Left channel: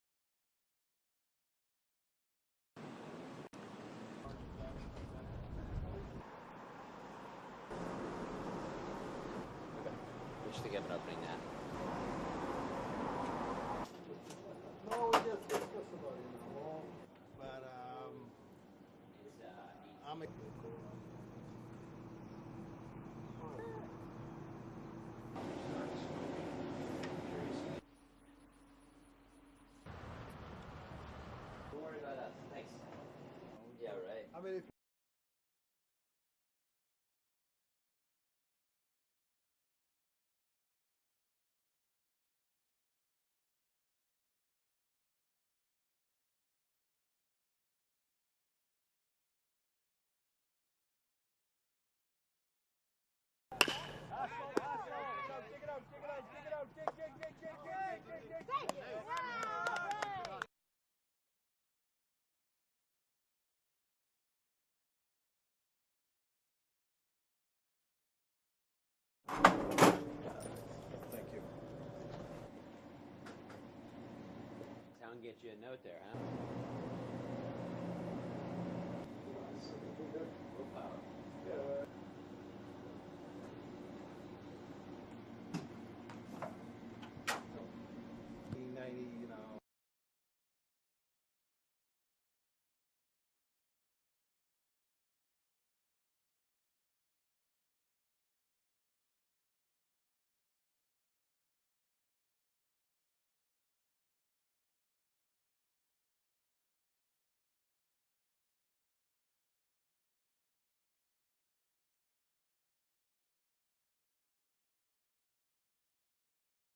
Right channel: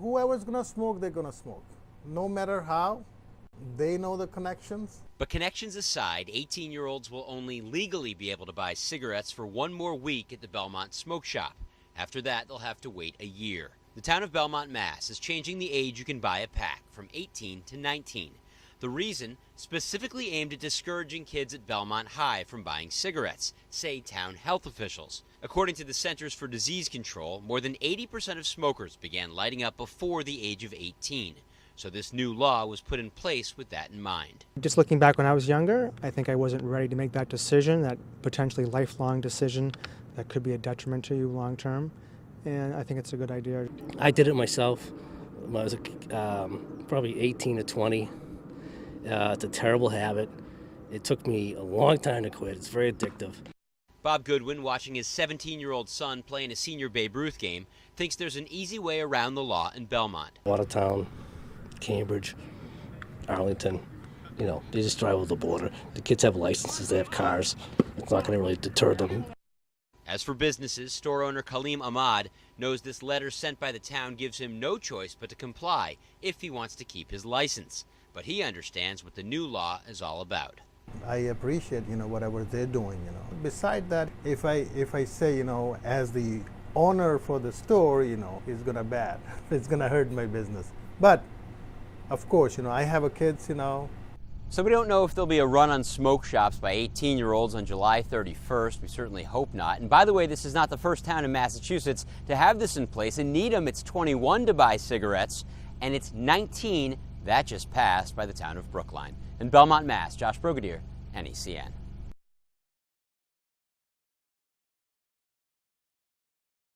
whoever's gonna smoke, they're gonna smoke. No matter how, they know the connections. But connections aside, 18-year-olds will only legally be able to buy cigarettes for one more week at the Belmont Smoke Shop. After that, they'll have to wait a year. The town of Belmont, Mass. is changing the age you can buy a pack from 18 to 19. The reason, specifically aimed at discouraging kids at Belmont High from buying cigarettes, say town health officials. According to the Centers for Disease Control, more than 80% of smokers began lighting up before the age of 18. So this new law was put in place with that in mind. Just looking back when I was younger, I think I wasn't ready to make that decision, that potentially lifelong decision that could be a detriment to you long term. And I think it's a good idea. I did it myself when I was probably 18 to 20. It's a terrible habit. It took me a long time to quit. It's very addictive. Bob Goodwin, watching his 17-year-old son play in a senior Babe Ruth game, thinks there's an easy way around the law in Belmont. Watertown, Cambridge, Arlington, you know, they just drive over the border. The kids have licenses, they have cars. It's not going to really deter them. As for businesses, store owner Kaleem Ahmad knows this letter sent by the town gives him no choice but to comply if he wants to keep his license. But he understands what the new law is all about. I appreciate, whatever they're doing, Besides that, if I say, as the owner for the store, it's gonna bad. It's gonna hurt my business. But of course, I have a kids, So we don't know if there'll be a run on smoke shops by 18-year-olds on July 31st. We certainly hope not. And by the way, this is not the first town in Massachusetts to have this in place. In Needham, it's 21 to buy cigarettes, and it's 19 that just passed by the town of Brookline. In Belmont, Mass., Josh Brigadier, NECN.